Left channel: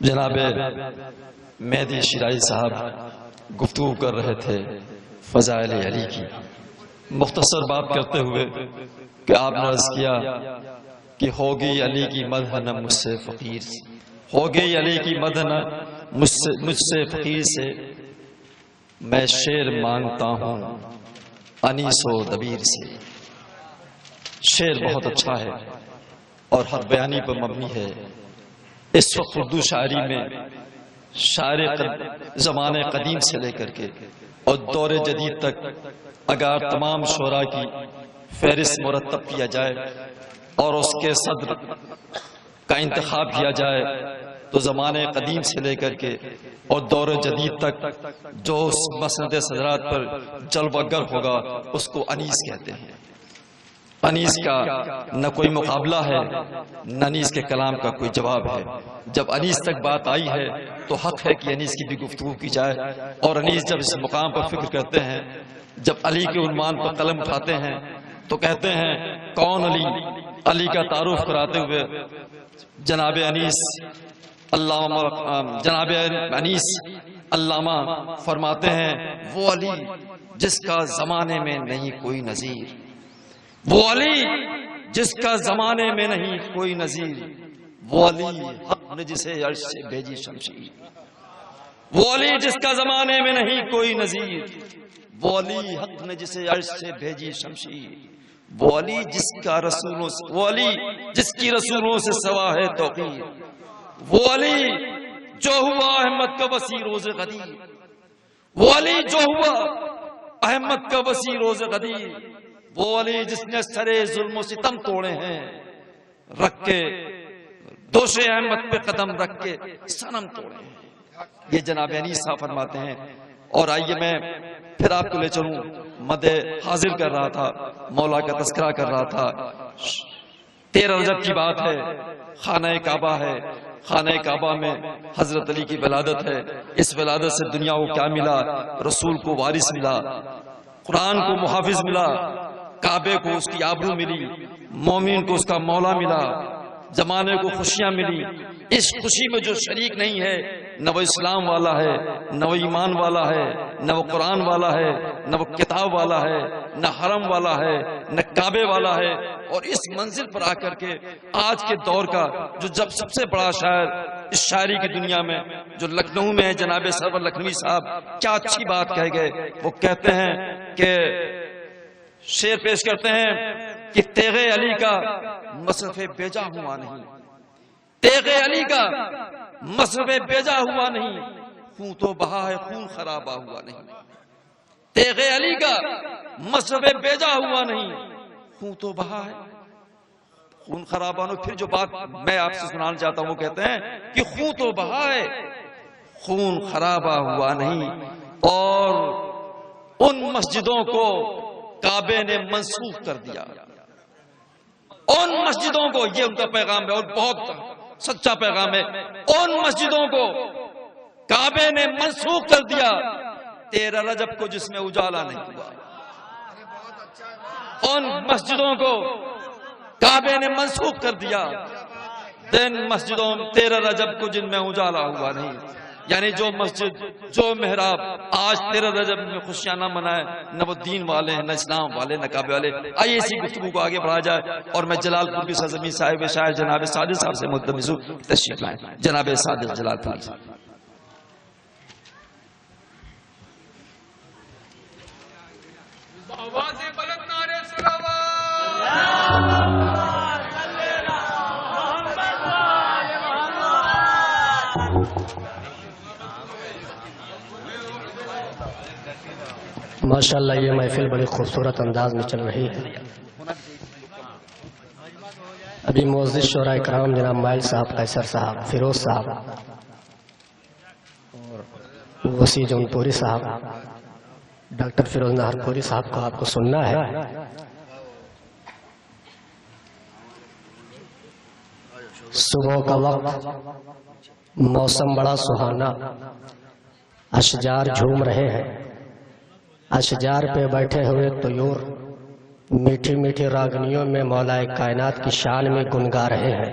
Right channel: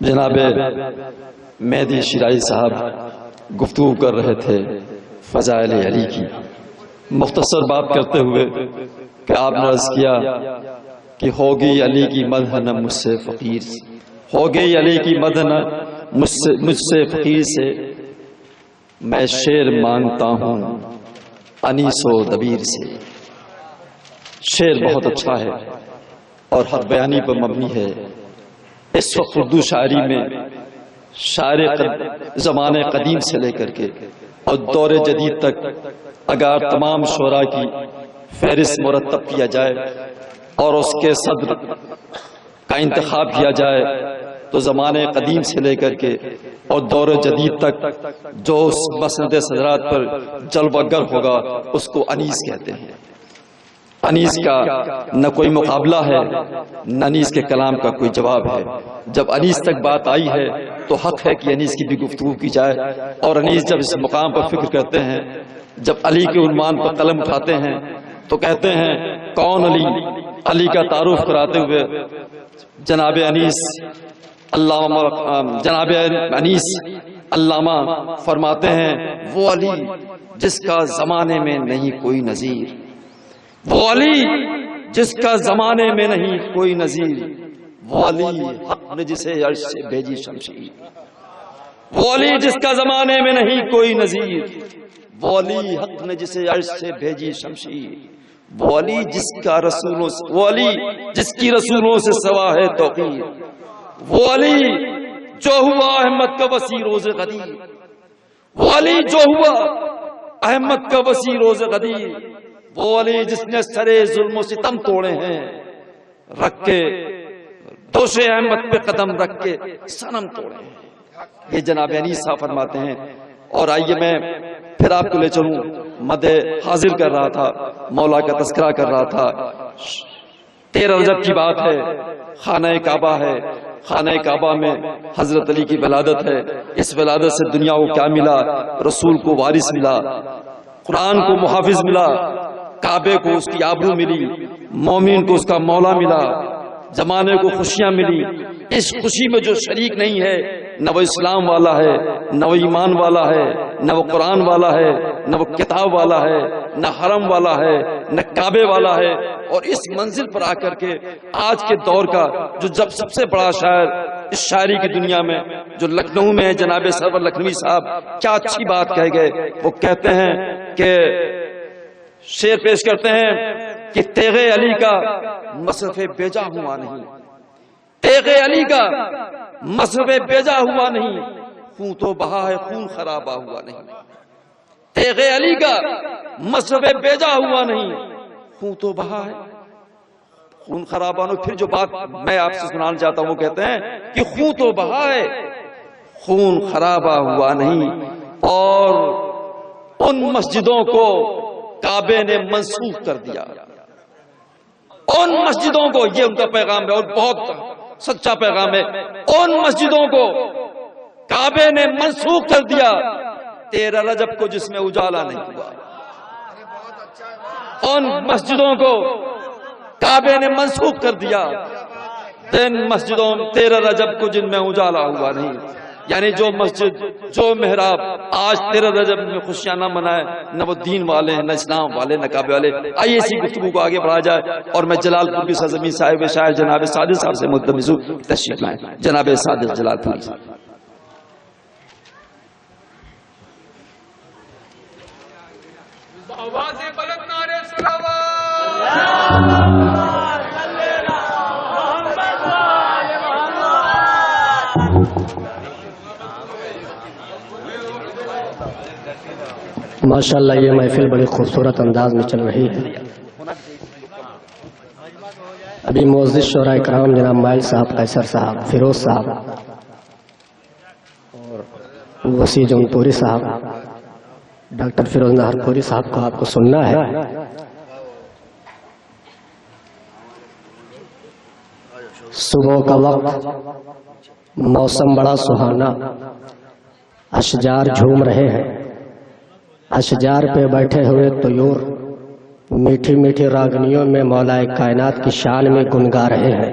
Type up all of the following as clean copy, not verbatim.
جناب مہدی شیرائی صاحب گفتگو کر رہے تھے فضائل علی کی، مختصر بات کرتے ہوئے کہ آپ نے عرض کیا کہ ہوگی علی کی مدح نہ مجھ سے فقیر سے، ہوگی علی کی مدح نہ مجھ سے فقیر سے، میں شعر مانگتا ہوں انیس و دبیر سے۔ شعر بہت اچھا ہے اور حق بیانی پر مبنی ہے۔ اس وقت اردو شاعری میں شاعر زمانے قدیم سے لے کر کے اور دور جدید تک اگر تمام شعراء کی فہرست مرتب کیا جائے اور اس کے صدر کا انتخاب کیا جائے تو زمانے قدیم سے لے کر کے اور دور جدید تک جو اس مسند صدرات پر جلوہ گر ہوگا اس کو انیس کہتے ہیں۔ انیس کا نہ کوئی مقابلہ ہے، نہ انیس کے کلام کا کوئی جواب ہے۔ جب انیس تک بات آئی ہے تو حق ہے کہ انیس کی بھی گفتگو کی جائے، اور انیس جب اس مقام پر فکر کرتے ہیں، جب علی کے عنوان پر قلم اٹھاتے ہیں تو کہتے ہیں کون علی؟ علی کا تعارف کراتے ہوئے جناب انیس علامہ فرماتے ہیں وہ علی جس کا زمانے میں نہیں کوئی نظیر، وہ علی جس کا زمانے میں نہیں کوئی نظیر، وہ علی حق نے جسے عرش سے بھیجی شمشیر، وہ علی جس کا زمانے میں نہیں کوئی نظیر، وہ علی حق نے جسے عرش سے بھیجی شمشیر، وہ علی جس کا رسولوں سے، وہ علی جس کی رسولوں سے سوا ہے توقیر، وہ علی جو ہوا احمد کا وسیع روز غدیر، وہ علی جو ہوا احمد کا وسیع روز غدیر، وہ علی جس نے سرے ظلم و ستم توڑے ہیں، رکھ کے دوش احمد پہ قدم رکھ کے صنم توڑے ہیں۔ یہ جناب انیس صاحب فرماتے ہیں۔ اور آئیے میں پھر آپ کو لے چلوں، مدح حاضر کر رہا تھا، مولا کا تذکرہ کر رہا تھا۔ 13 رجب کی بات ہے، خانہ کعبہ ہے، خانہ کعبہ میں حضرت علی کی ولادت ہے۔ اس ولادت سے دنیا کو کیا ملا؟ رسول کو وارث ملا، قرآن کو محافظ ملا، کعبے کو اس کی آبرو ملی، مومن کو اس کا مولا ملا، زمانے کو خوشیاں ملی۔ اس خوشی میں جو شریک نہیں ہے، نہ وہ اسلام والا ہے، نہ وہ ایمان والا ہے، نہ وہ قرآن والا ہے، نہ وہ کتاب والا ہے، نہ حرم والا ہے، نہ کعبے والا ہے۔ اور اس منزل پر آ کر کے آج کے دور کا جو جب سب سے بڑا شاعر اس شاعری کی دنیا میں جو لکھنؤ میں ہے، جناب سرور لکھنوی صاحب کیا اچھی بات کہہ گئے۔ وہ کہتے ہیں کہ شعر پیش کرتے ہیں کہ تیغ علی کا مصرف بیجا ہوا نہیں، تیغ علی کا مصرف بیجا ہوا نہیں، خون تو بہا ہے خون خرابہ ہوا نہیں، تیغ علی کا مصرف بیجا ہوا نہیں، خون تو بہا ہے خون خرابہ نہیں۔ پھر جو بات میں آپ سے سنانا چاہتا ہوں وہ کہتے ہیں کہ خون تو بہا ہے خون خرابہ ہوا نہیں، اور ان مسجدوں کو کعبے نے منسوخ کر دیا، ان مسجدوں کو، یہ ان کا پیغام ہے اور بہت سچا پیغام ہے، ان مسجدوں کو کعبے نے منسوخ کر دیا 13 رجب کو جس میں اجالا نہیں ہوا، ان مسجدوں کو کعبے نے منسوخ کر دیا، دن مسجدوں 13 رجب کو جن میں اجالا ہوا نہیں۔ یعنی جو مسجد، جو محراب آج 13 رجب میں خوشیاں نہ منائے، نہ وہ دین والے ہیں، نہ اسلام والے، نہ کعبے والے۔ آئیے اسی گفتگو کو آگے بڑھا جائے اور میں جلال پور کی سرزمین صاحب شاعر جناب صادق صاحب سے ملتمس ہوں تشریف لائیں۔ جناب صادق جلال پوری صاحب۔ آواز بلند نعرے صلوات۔ ماشاءاللہ یہ محفل بڑی خوبصورت انداز میں چل رہی ہے۔ ابھی معزز شعراء کرام جناب مائل صاحب، قیصر صاحب، فیروز صاحب اور وسیع جون پوری صاحب، ڈاکٹر فیروز نہر پوری صاحب کو آپ کو سننا ہے۔ صبح کا وقت، موسم بڑا سہانا، اشجار جھوم رہے ہیں، اشجار پہ بیٹھے ہوئے طیور میٹھی میٹھی راگنیوں میں مولا کائنات کی شان میں گنگا رہے ہیں۔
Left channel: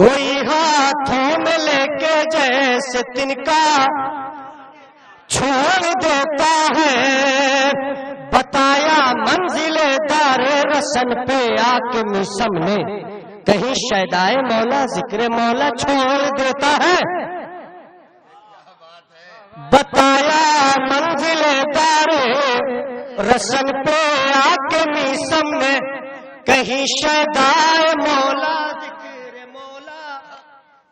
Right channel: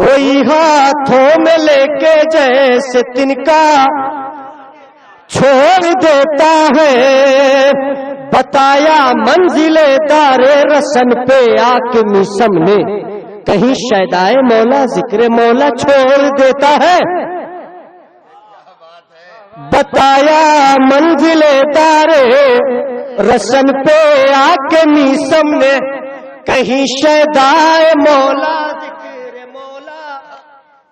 کوئی ہاتھوں میں لے کے جیسے تنکا چھوڑ دیتا ہے، بتایا منزل دار رسن پہ آ کے میسم نے، کہیں شیدائے مولا ذکر مولا چھوڑ دیتا ہے، بتایا منزل دار رسن پہ آ کے میسم نے، کہیں شیدائے مولا ذکر مولا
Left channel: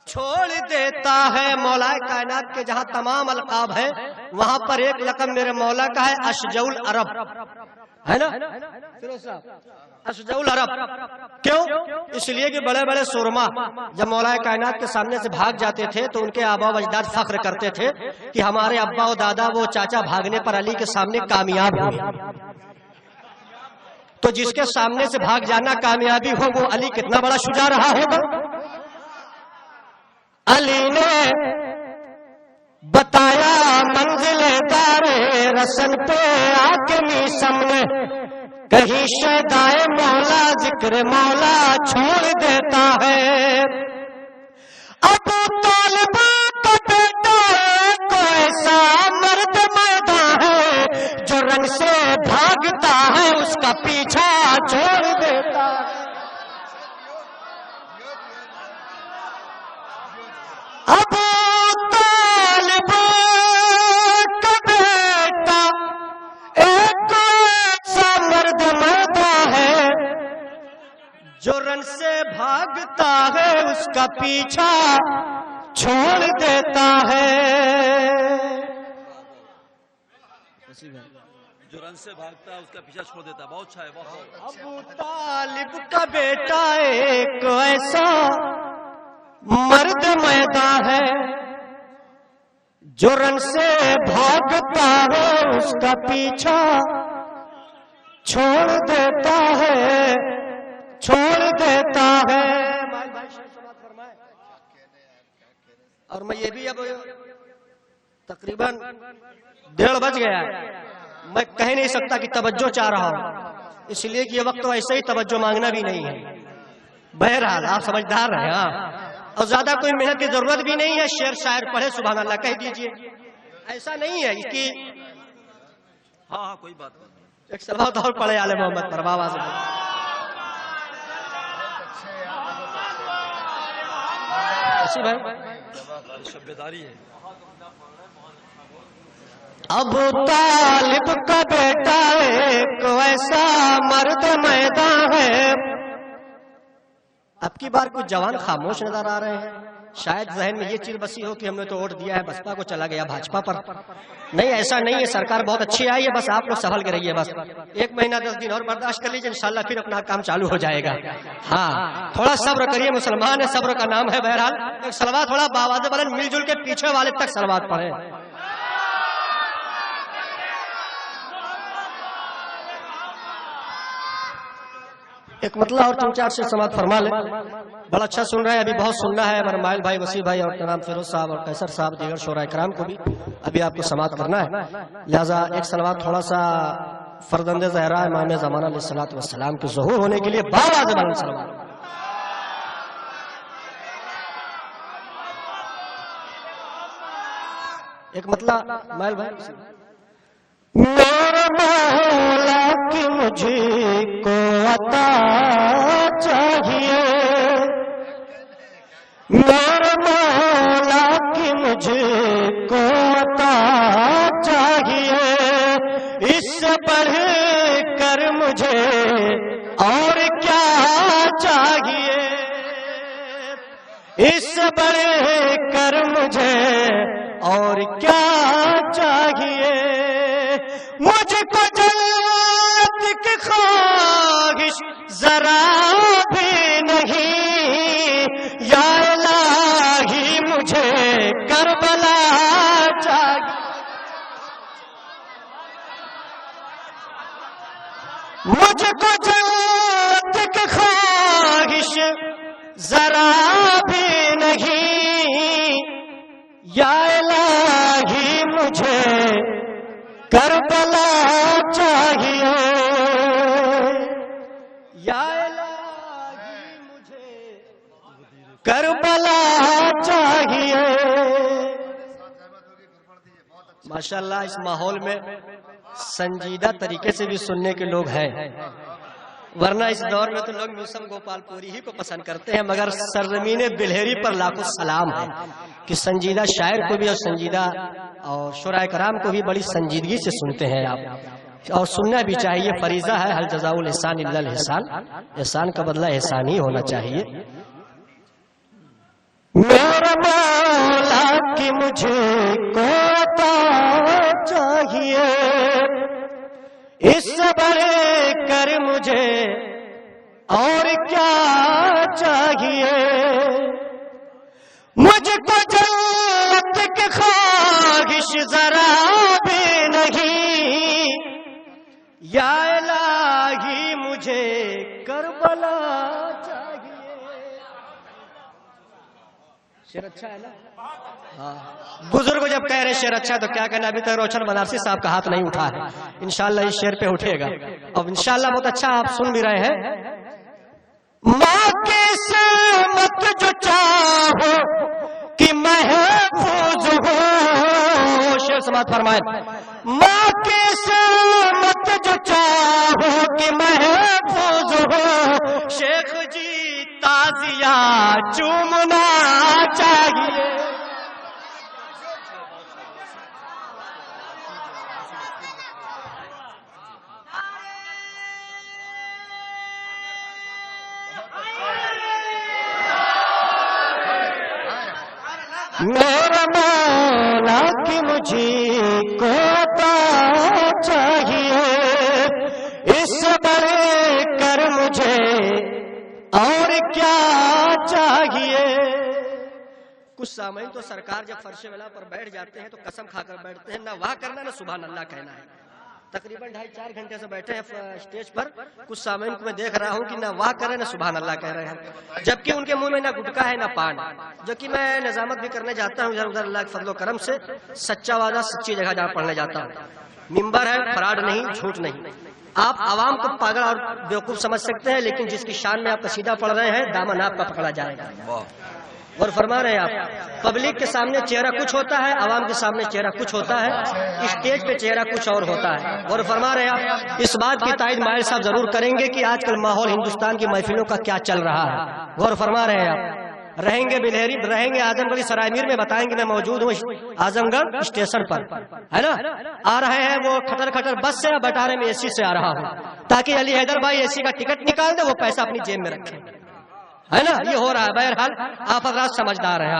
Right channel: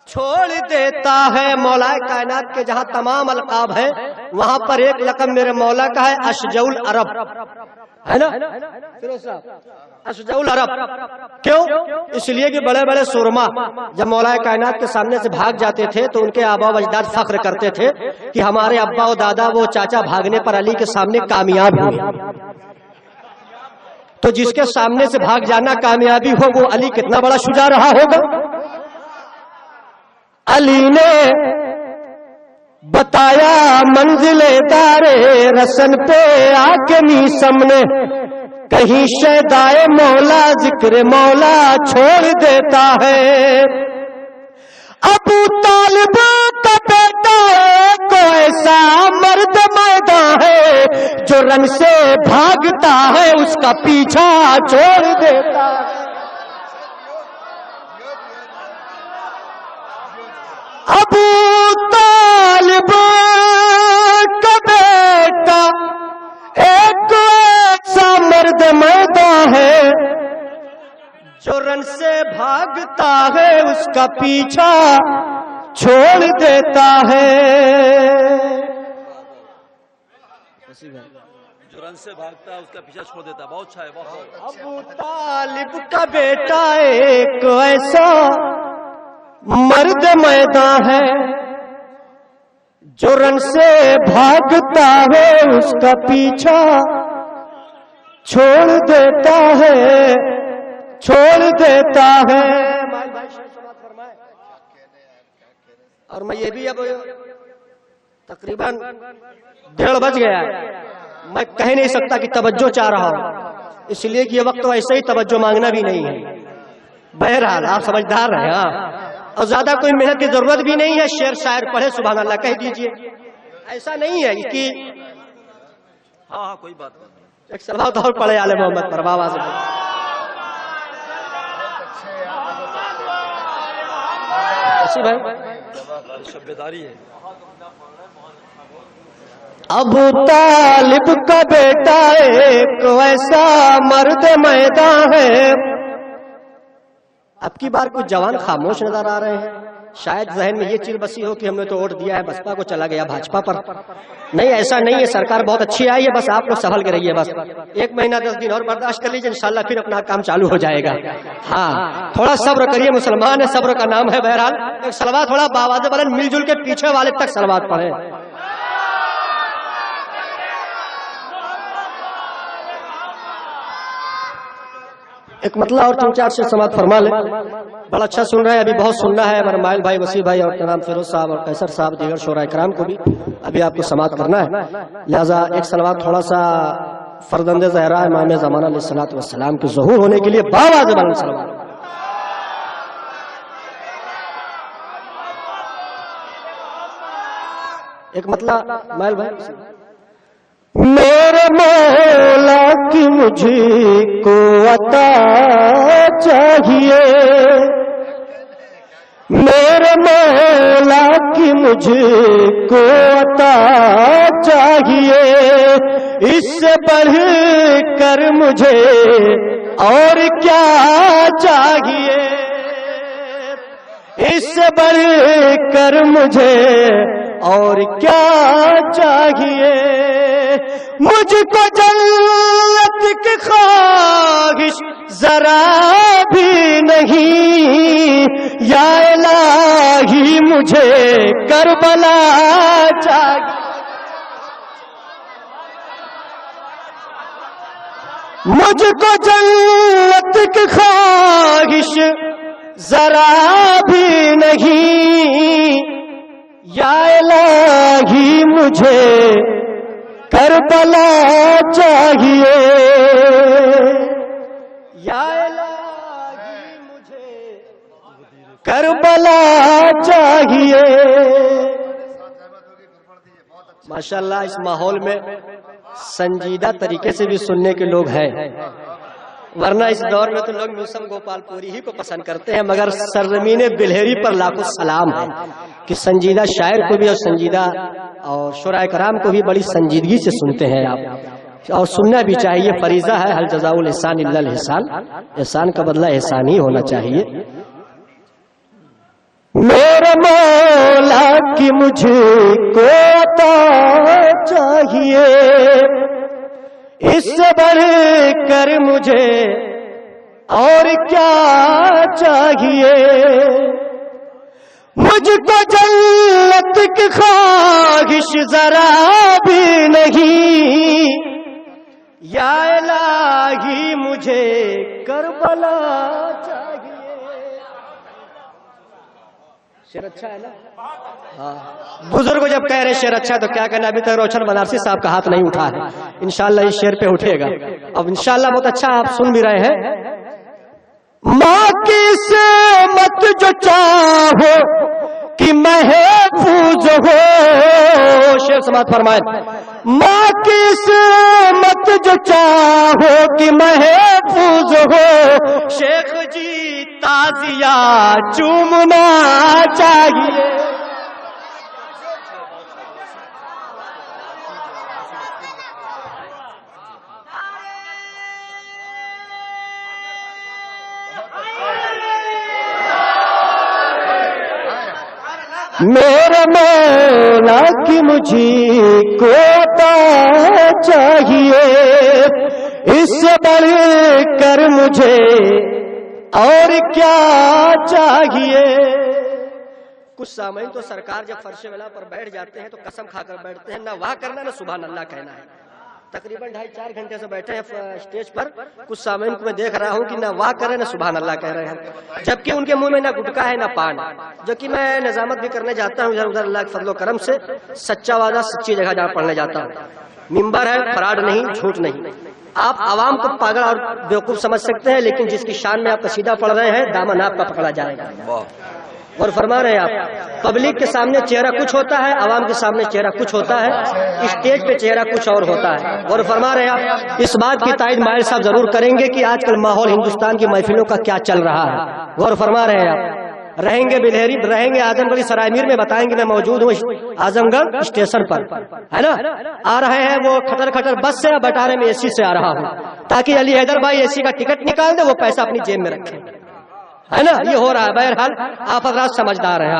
چھوڑ دیتا ہے۔ مولا کائنات کے جہاں تمام القاب ہیں وہاں پر ایک لقب میرے مولا کا ہے، اشجع العرب، ہے نا اشجع العرب؟ کیوں؟ اس لیے کہ بڑے بڑے سورما جب مولا کائنات کے سامنے سے بھاگ جاتے تھے تو ان کے آبا و اجداد فخر کرتے تھے کہ ہمارے ابا و دادا وہ چاچا بھاگنے پر علی کے سامنے کامیاب ہوئے، تو جس کے سامنے سے بھاگ جانا کامیابی ہو وہ علی کتنا بڑا شجاع رہا ہوگا۔ علی نے بتایا منزل دار رسن پہ آ کے میسم نے، کہیں شیدائے مولا ذکر مولا چھوڑ دیتا ہے۔ ابو طالب کا بیٹا ایک ایسا مرد میدان ہے جو رنگ سے بھاگتا ہے اس کا پیچھا چھوڑ دیتا ہے۔ ابو طالب کا بیٹا ایک ایسا مرد میدان ہے جو رن سے بھاگتا ہے اس کا پیچھا چھوڑ دیتا ہے۔ جو رن سے بھاگتا ہے اس کا پیچھا چھوڑ دیتا ہے، بہت اچھا ہے، بہت۔ ابو طالب کا بیٹا ایک ایسا مرد میدان ہے جو رن سے بھاگتا ہے اس کا پیچھا چھوڑ دیتا ہے، چھوڑ دیتا ہے۔ اور میں یہ بھی اب تقریباً 1:30 بج گیا ہے، میں کہہ نہیں سکتا کہ توجہ چاہ رہا ہوں، اس لیے کہ یہ وقت تو ایسے ہی توجہ مانگنا بھی نہیں ہے۔ بہرحال آپ سمجھدار رہے، ہاں، اور زیادہ کوئی محنت کی ضرورت بھی نہیں ہے، شعر شاعر پڑھے سبحان اللہ کہہ دیجئے، ایسا نہیں ہے کہ ہاں کوئی بات نہیں۔ ایک صلوات اور پڑھے آل محمد پر، بابا سے شبیداری ہے۔ ابو طالب کا بیٹا ایک ایسا مرد میدان ہے۔ اب کی بار کچھ جوان خاموش نظر آ رہے ہیں، شاید ذہن میں یہ چیز بسی ہو کہ ہم نے تو ووٹ دیا ہے بسپا کو، چلا گیا بھاجپا پر۔ نہیں، ایسا نہیں ہے، سرکار بہت اچھی آئی ہے، بس آپ لوگ سنبھل کے رہیے، بس 1 مہینہ 10 دن اور برداشت کر لیجیے، انشاءاللہ پھر اپنا کام چالو ہو جائے گا۔ ہاں تھوڑا صبر کریے، مسلمان ہے، صبر کا نام ہے۔ بہرحال ایک صلوات تھوڑا باواز بلند مل جل کے پیچھے والے تک صلوات پڑھیں۔ ایک مطلع اور 3-4 سے سماعت فرما لیں، بڑا اچھا سن رہے ہیں، ابھی بہت سننا ہے۔ ہمارے مائل بھائی، وسیع بھائی اور جناب فیروز صاحب اور قیصر صاحب، دیگر شعراء کرام کو بھی ابھی آپ کو سماعت کرنا ہے، لہذا ایک صلوات تھوڑا سا فرزند زہرا امام زمانہ علیہ الصلوۃ والسلام کے ظہور ہونے کے لیے باواز بلند صلوات۔ ایک مطلع مائل بھائی، میرے مولا کی مجھے کو عطا چاہیے، میرے مولا کی مجھے کو عطا چاہیے، اس سے بڑھ کر مجھے اور کیا چاہیے، اس سے بڑھ کر مجھے اور کیا چاہیے، مجھ کو جنت کی خواہش ذرا بھی نہیں، یا الہی مجھے کربلا چاہیے، مجھ کو جنت کی خواہش ذرا بھی نہیں، یا الہی مجھے کربلا چاہیے، یا الہی مجھے کربلا چاہیے. ماشاءاللہ اس ماحول میں سنجیدہ طریقے سے بھی سننے کے لوگ ہیں، ورنہ اس دور میں تو لوگ میوسم گوپال پوری ہی کو پسند کرتے ہیں، مگر سرزمین بلہری پر لاکھوں سلام ہے کہ سنجیدہ شاعر کو بھی اور سنجیدہ اور شعراء کرام کو بھی بڑی سنجیدگی سے سنتے ہیں آپ، اور سننا بھی چاہیے. فریضہ ہے حل جزاء الاحسان الا الاحسان، احسان کا بدلہ احسان ہی ہونا چاہیے. میرے مولا کی مجھے کو عطا چاہیے، اس سے بڑھ کر مجھے اور کیا چاہیے. مجھ کو جنت کی خواہش ذرا بھی نہیں، یا الہی مجھے کربلا چاہیے. شعر اچھا ہے نا؟ ہاں. بزرگ جب کہہ رہے شعر اچھا ہے تو کیا کہنا، ابھی تک روشن بنارسی صاحب کا ہاتھ نہیں اٹھا ہے، انشاءاللہ اس شعر پہ اٹھے گا. اب انشاءاللہ بہت اچھا آپ سن بھی رہے ہیں. ماں کی سمت جو چاہو کہ محفوظ ہو، شعر سماعت فرمائیں. ماں کی سمت جو چاہو کہ محفوظ ہو، شیخ جی تازیہ چومنا چاہیے. میرے مولا کی مجھے کو عطا چاہیے، اس سے بڑھ کر مجھے اور کیا چاہیے. کچھ سامعین تو سرکار جب فرش ولا پر بیٹھ جاتے ہیں تو قسم کھا کر بیٹھتے ہیں، نہ واہ کرنا نہ سبحان اللہ کہنا ہے. تقریباً 2.5-4 گھنٹے سے بیٹھے ہیں اسٹیج پر. کچھ سامعین کو میں دیکھ رہا ہوں کہ نہ واہ کر رہے ہیں نہ سبحان اللہ کہہ رہے ہیں، جبکہ ان کے منہ میں نہ گٹکا ہے نہ پان. جو کہ میں نظامت بھی کرنے جاتا ہوں ادھر اللہ کے فضل و کرم سے، سچا وعدہ سچی جگہ جہاں پڑھنے جاتا ہوں. ممبر ہے، فراڈ نہیں، جھوٹ نہیں. آپ عوام کو پاگل اور بیوقوف سمجھ سکتے ہیں، لیکن جس کی شان میں آپ قصیدہ پڑھ رہے ہیں دامن آپ کا پکڑا جائے گا. اور فرما رہے ہیں آپ، پبلک کے سامنے چہرہ کچھ ہوتا ہے، عوام کے سامنے چہرہ کچھ ہوتا ہے، اسٹیج پہ چہرہ کچھ اور ہوتا ہے. اور فرما رہے ہیں آپ، اس بات کی تائید مائل صاحب ضرور کریں گے کہ آج کل ماحول ہندوستان کی محفلوں کا کیا چل رہا ہے. غور فرما رہے ہیں آپ، رہیں گے بلہری، رہیں گے اعظم گڑھ سرائے میر میں، بتائیں گے میں موجود ہوں اعظم گڑھ اسٹیشن پر، ہے نا. آ رہے ہیں وہ کھٹر کھٹر بس سے، بٹارے میں اے سی سے آ رہا ہوں، تاکہ علی حیدر بھائی اے سی کا ٹکٹ نکال دے، وہ پیسہ اپنی جیب میں رکھے، ہے نا. یہ ہو رہا ہے. بہرحال آپ حضرات سمجھدار ہیں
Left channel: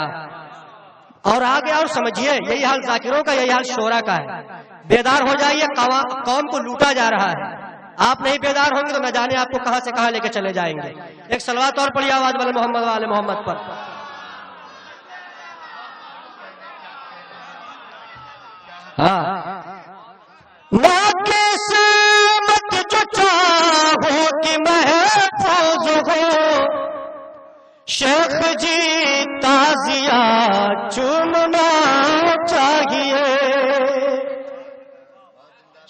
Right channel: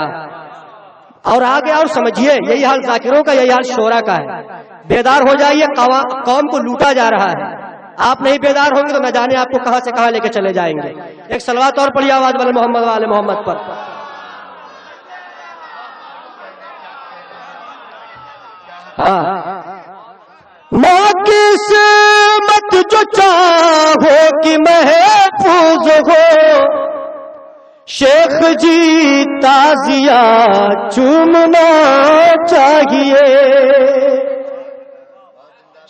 اور آگے اور سمجھیے، یہی حال ذاکروں کا، یہی حال شعراء کا ہے. بیدار ہو جائیے، قوم کو لوٹا جا رہا ہے. آپ نہیں بیدار ہوں گے تو نہ جانے آپ کو کہاں سے کہاں لے کے چلے جائیں گے. ایک صلوات اور پڑھیے آواز والے محمد والے محمد پر. ہاں. ماں کی سمت جو چاہو کہ محفوظ ہو، شیخ جی تازیہ چومنا چاہیے.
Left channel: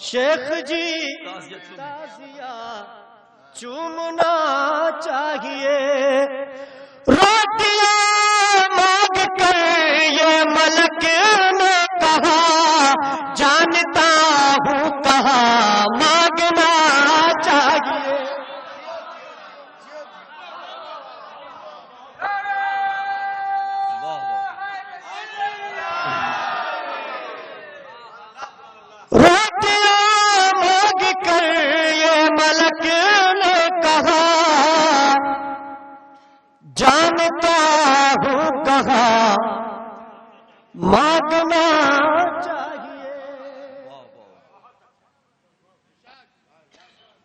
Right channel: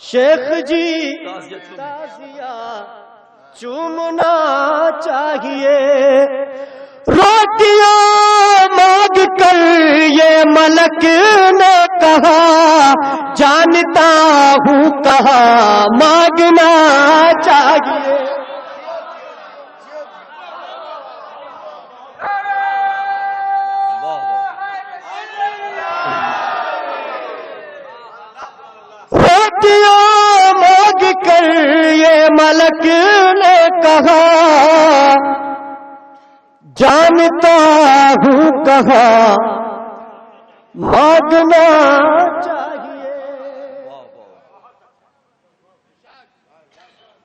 شیخ جی تازیہ چومنا چاہیے. روٹیاں مانگ کر یہ ملک نے کہا، جانتا ہوں کہاں مانگنا چاہیے. روٹیاں مانگ کر یہ ملک نے کہا، جانتا ہوں کہاں مانگنا چاہیے.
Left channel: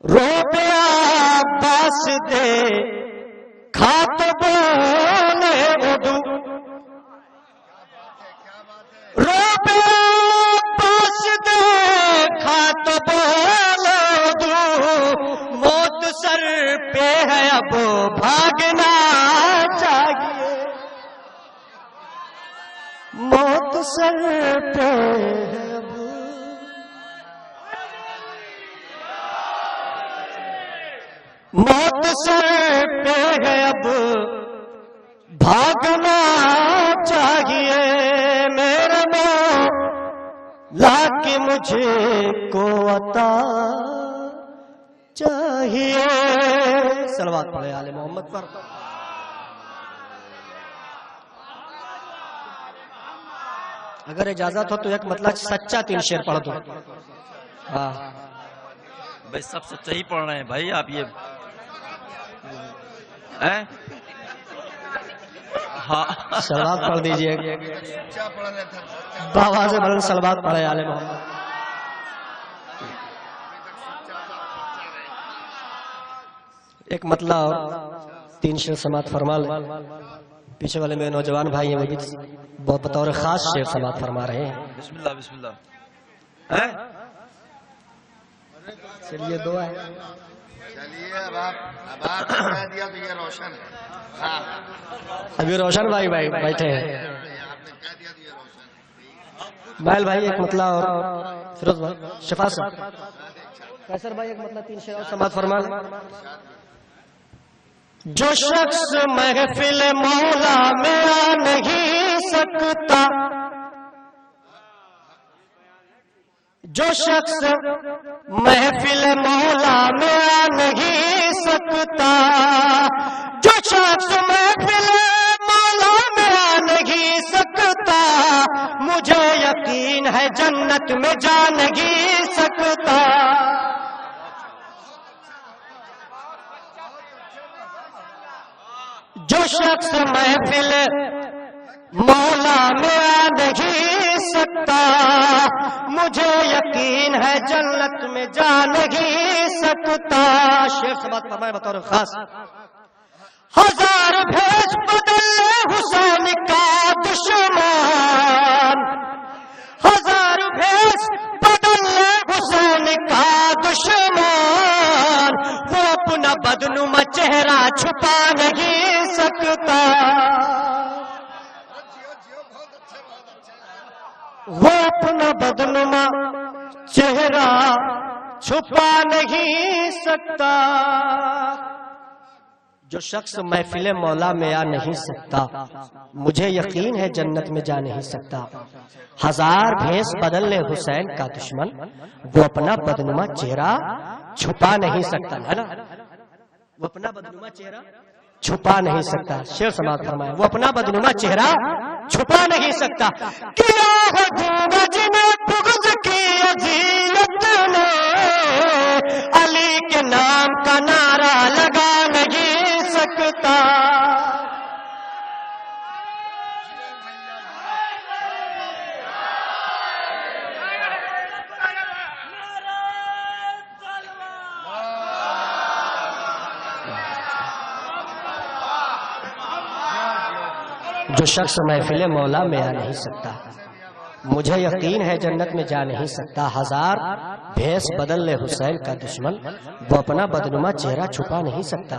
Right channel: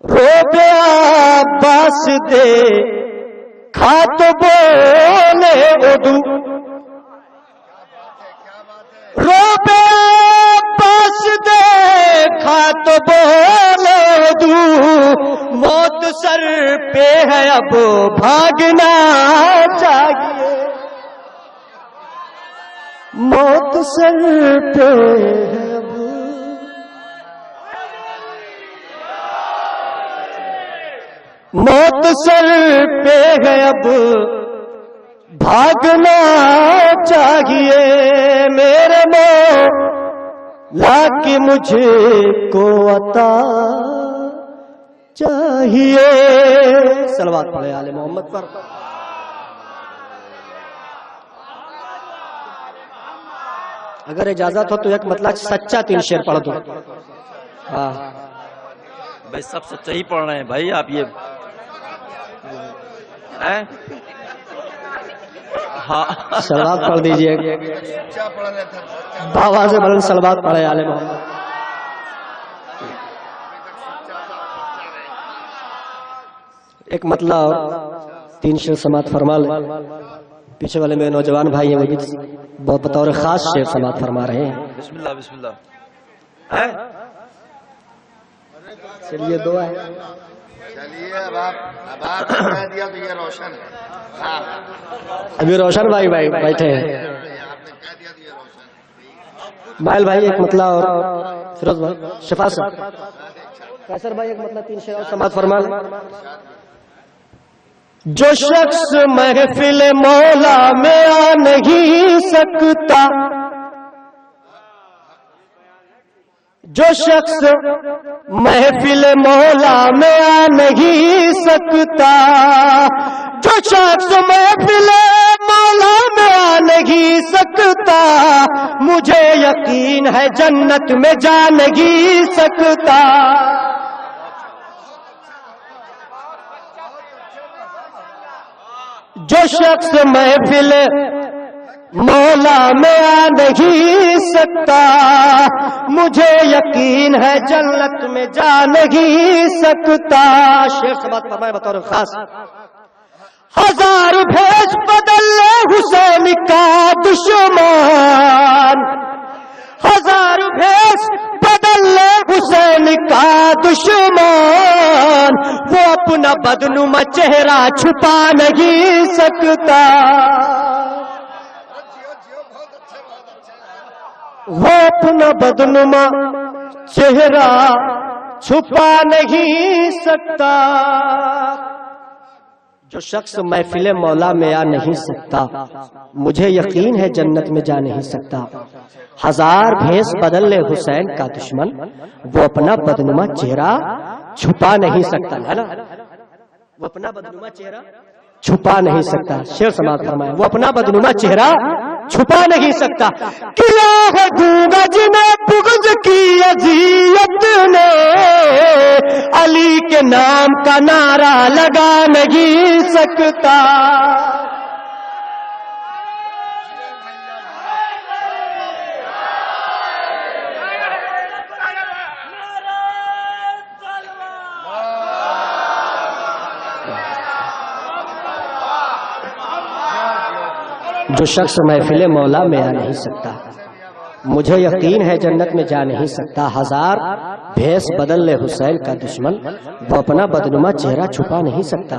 روبے عباس دے کھا تو بولے اردو، روبے عباس دے کھا تو بولے اردو، موت سر پہ ہے اب بھاگنا چاہیے. موت سر پہ ہے اب، موت سر پہ ہے اب بھاگنا چاہیے میرے مولا کی مجھ کو عطا چاہیے. صلوات پڑھے آل محمد پر. اگر اجازت ہو تو ایک مطلب سچا 3 شعر پڑھ دو. ہاں بھائی سب سچا ہی پڑھ رہے ہیں بھائی آپ یہ ہاں صلوات پڑھ دیجئے. بابا سے بلند صلوات پڑھے آل محمد. ایک مطلب اور 3 شعر سماعت فرما لیں. پیچھے والے میرے نوجوان بھائی ہیں وہ بھی بطور خاص شعر سماعت فرما رہے ہیں. بسم اللہ بسم اللہ. چلیے دعا ہے. چلیے اب آپ کہہ دیا تو یہ روشن ہے. ابھی روشن بھائی بیٹھے ہیں. آپ نے کہہ دیا تو یہ روشن ہے. مائل بھائی ایک مطلب اور فیروز بھائی شفا سے قیصر بھائی ایک مطلب 3 شعر اور سماعت فرما لیں. جو شخص محفل مولا میں آ نہیں سکتا، جو شخص محفل مولا میں آ نہیں سکتا، جو شخص محفل مولا میں آ نہیں سکتا، مجھے یقین ہے جنت میں جا نہیں سکتا. جو شخص محفل مولا میں آ نہیں سکتا، مجھے یقین ہے جنت میں جا نہیں سکتا. شعر سماعت فرمائے بطور خاص. 1000 بھیس بدل لے حسین کا دشمن، 1000 بھیس بدل لے حسین کا دشمن، وہ اپنا بدنما چہرہ چھپا نہیں سکتا. وہ اپنا بدنما چہرہ چھپا نہیں سکتا. جو شخص محفل مولا میں آ نہیں سکتا، مجھے یقین ہے جنت میں جا نہیں سکتا. 1000 بھیس بدل لے حسین کا دشمن، وہ اپنا بدنما چہرہ چھپا نہیں سکتا. ہے نا، وہ اپنا بدنما چہرہ چھپا نہیں سکتا. شعر سماعت فرمائے. وہ اپنا بدنما چہرہ چھپا نہیں سکتا. کیا ہے گونگا جنہیں بغض کی اذیت نے، علی کے نام کا نعرہ لگا نہیں سکتا. جو شخص محفل مولا میں آ نہیں سکتا، مجھے یقین ہے جنت میں جا نہیں سکتا. 1000 بھیس بدل لے حسین کا دشمن، وہ اپنا بدنما چہرہ چھپا نہیں سکتا.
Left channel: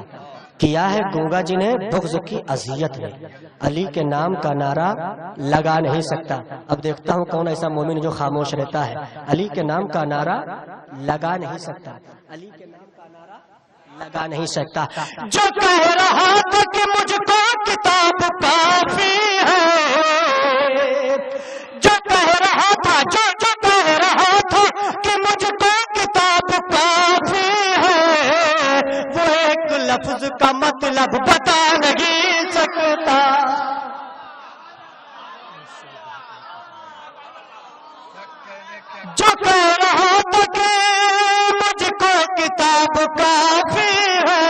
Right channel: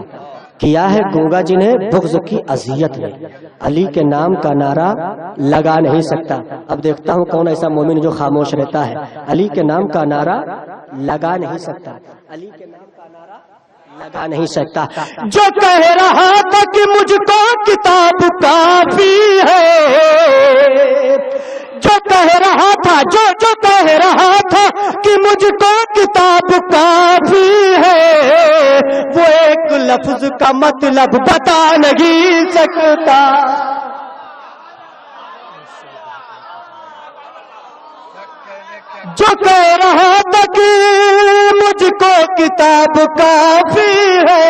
کیا ہے گونگا جنہیں بغض کی اذیت نے، علی کے نام کا نعرہ لگا نہیں سکتا. اب دیکھتا ہوں کون ایسا مومن جو خاموش رہتا ہے. علی کے نام کا نعرہ لگا نہیں سکتا. علی کے نام کا نعرہ لگا نہیں سکتا. جو کہہ رہا تھا کہ مجھ کو کتاب کافی ہے، جو کہہ رہا تھا جو کہہ رہا تھا کہ مجھ کو کتاب کافی ہے، وہ ایک لفظ کا مطلب بتا نہیں سکتا. جو کہہ رہا تھا کہ مجھ کو کتاب کافی ہے،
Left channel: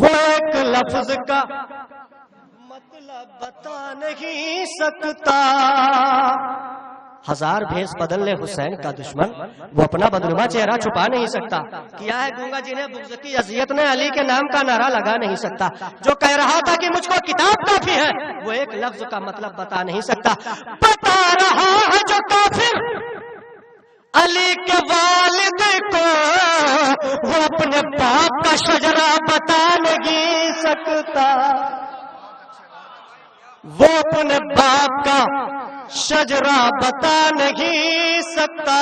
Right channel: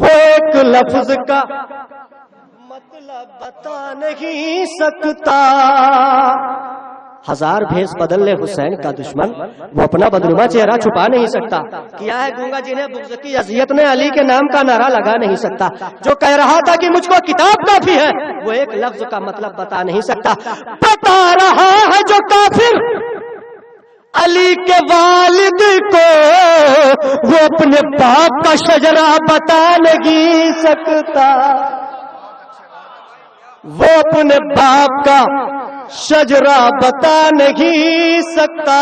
وہ ایک لفظ کا مطلب بتا نہیں سکتا. 1000 بھیس بدل لے حسین کا دشمن، وہ اپنا بدنما چہرہ چھپا نہیں سکتا. کیا ہے گونگا جنہیں بغض کی اذیت نے، علی کے نام کا نعرہ لگا نہیں سکتا. جو کہہ رہا تھا کہ مجھ کو کتاب کافی ہے، وہ ایک لفظ کا مطلب بتا نہیں سکتا. بتا رہا ہے جو کافر علی کے والد کو، وہ اپنے باپ کا شجرہ بتا نہیں سکتا. وہ اپنے باپ کا شجرہ بتا نہیں سکتا.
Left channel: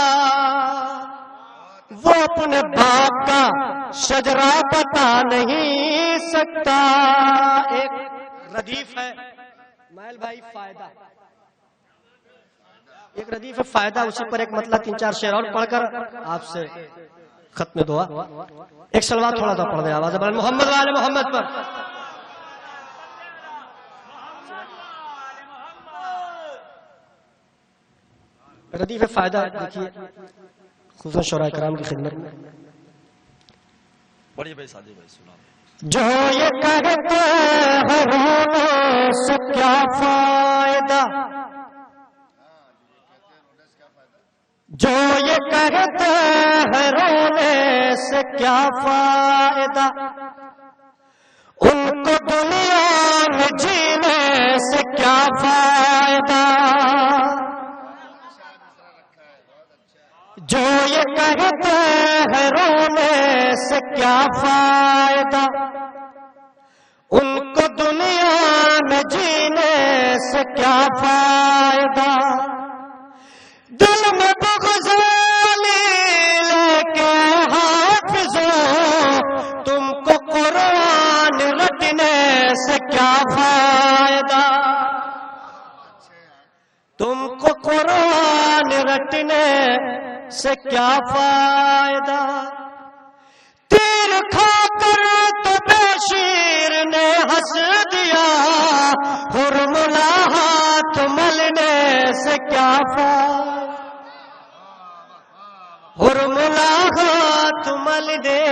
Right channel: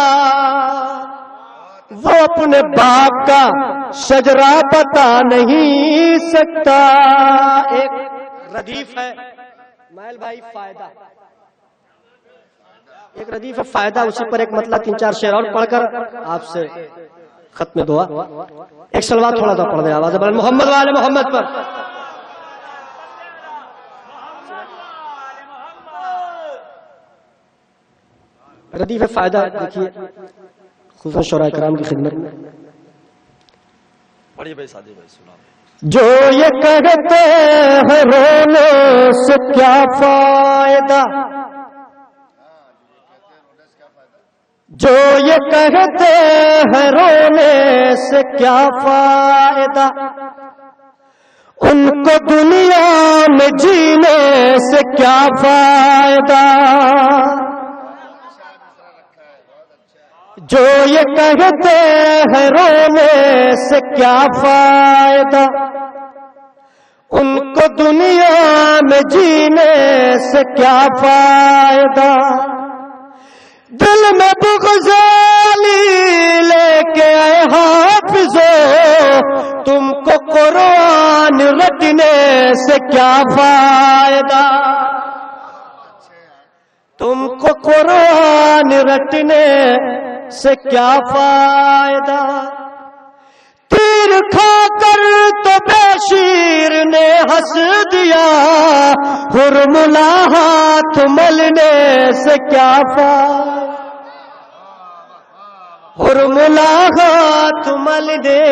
وہ اپنے باپ کا شجرا بتا نہیں سکتا. ایک ردیف ہے مائل بھائی فائدہ، ایک ردیف ہے فائدہ، اسی پر ایک مطلب 3-4 شعر اور پڑھ کر آپ سے ختم دعا. ایک صلوات تھوڑا سا پڑھ دیں آواز بلند محمد والے محمد پر. ردیف فائدہ دیکھیے خصوصاً شعراء کرام کی خدمت میں. بڑی بھائی سادی بھائی سنا. جو یہ کہتے ہیں رونے سے کیا فائدہ، جو یہ کہتے ہیں رونے سے کیا فائدہ، ان کو دنیا میں جینے سے کیا فائدہ. جو یہ کہتے ہیں رونے سے کیا فائدہ، ان کو دنیا میں جینے سے کیا فائدہ. دل میں بغض علی لے کے اے حافظو، تم کو قرآن رٹنے سے کیا فائدہ. تم کو قرآن رٹنے سے کیا فائدہ. تیر کھا کر تو بشیر نے ہنس دیا، ہرملا ہاتھ ملنے سے کیا فائدہ. ہرملا ہاتھ ملنے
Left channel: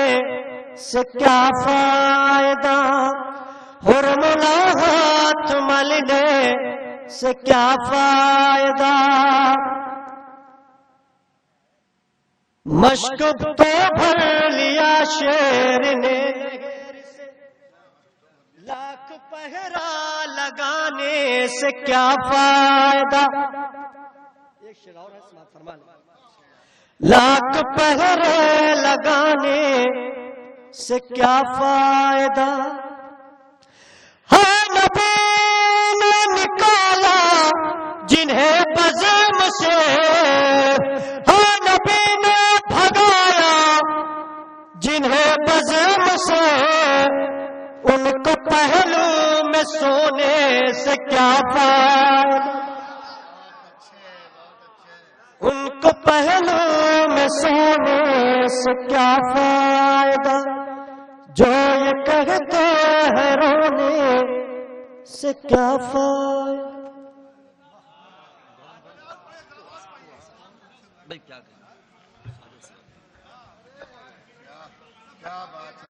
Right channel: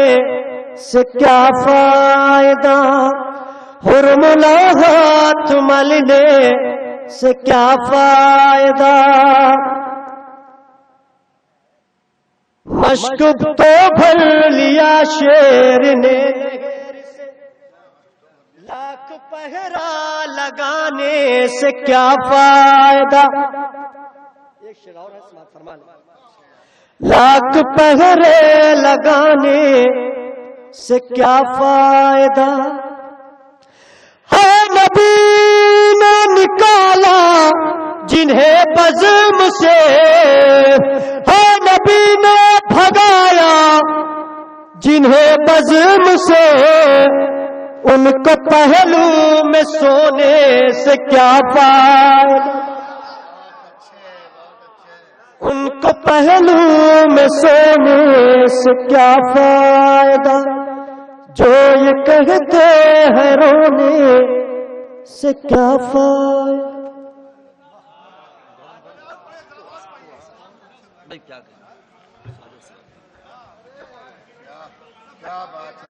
سے کیا فائدہ. ہرملا ہاتھ ملنے سے کیا فائدہ. مشک تو بھر لیا شیر نے لاکھ پہرا لگانے سے کیا فائدہ. ایک شعر اور ہے سماعت فرما لیں. لاکھ پہرے لگانے سے کیا فائدہ. ہے نبی نے نکالا جنہیں بزم سے، ہے نبی نے بھگایا جنہیں بزم سے، ان کو پہلو میں سونے سے کیا فائدہ. ان کو پہلو میں سونے سے کیا فائدہ. جو یہ کہتے ہیں رونے سے کیا فائدہ. بھائی کیا کیا بات ہے.